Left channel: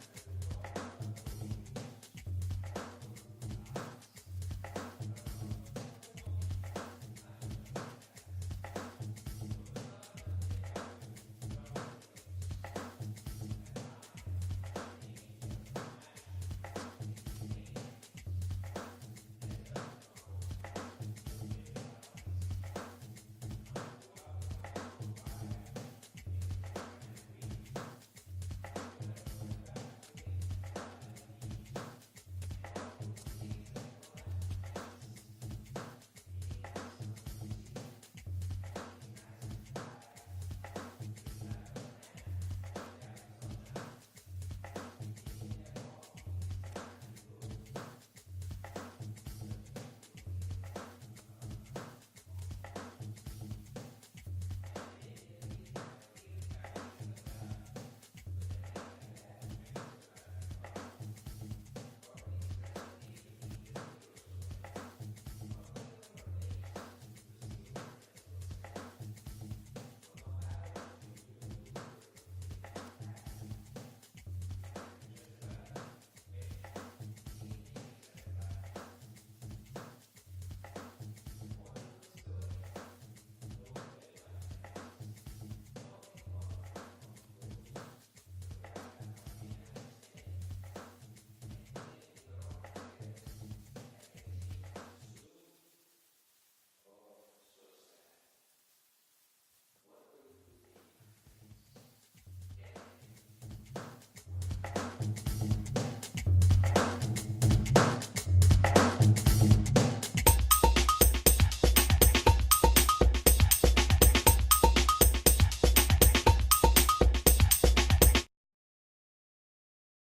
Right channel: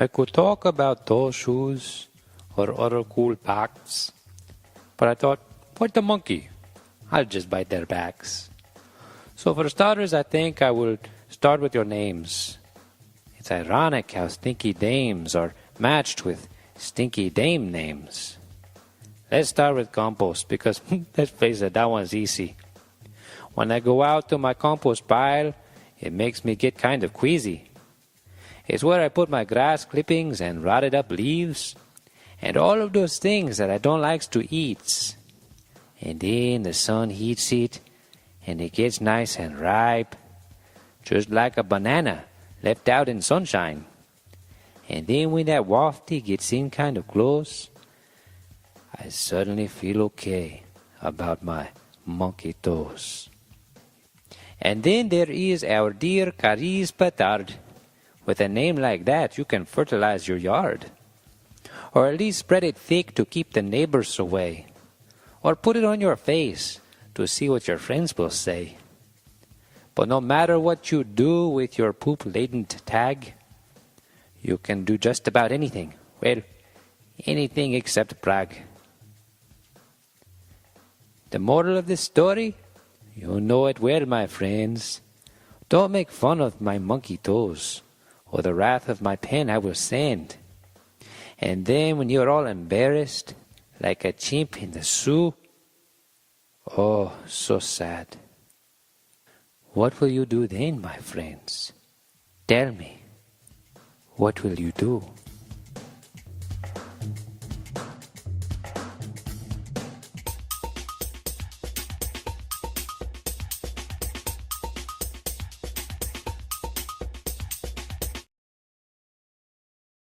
I could talk about those shoes or other cool packs, but I thought, why the monkey? I'll just bite their backs. So for starters, I think I will start with your names. It's ironic how stinky dames are matched with stinky dame names. Let's start with compost because let's face it, that one's easy. When I go out to my compost pile, it makes me get kind of queasy. It's where I put my grass clippings and rotted up leaves and all of those things that I don't like to eat. And then the sun heats it and it gets nice and ripe, just like a banana left out in sunshine. And then when that wafty gets in kind of close, I suddenly feel okay about my monkey toes. And then there is our dear Carice Petard. With a name like that, you can fertilize your yard. Or at least spread it thick to keep the neighbors away. Or put it on your face to see what your friends will say. But no matter what you do with your poop-laden tag, you can do just about anything. Well, anything except brag. The moral of this story? You know it well, my friends. Don't make fun of my monkey toes, or the wrath of my pen I will send. And then when you're all embarrassed, like a chimp in the zoo, oh, so sad. What will you do then, my friends? Tell me, what will you do?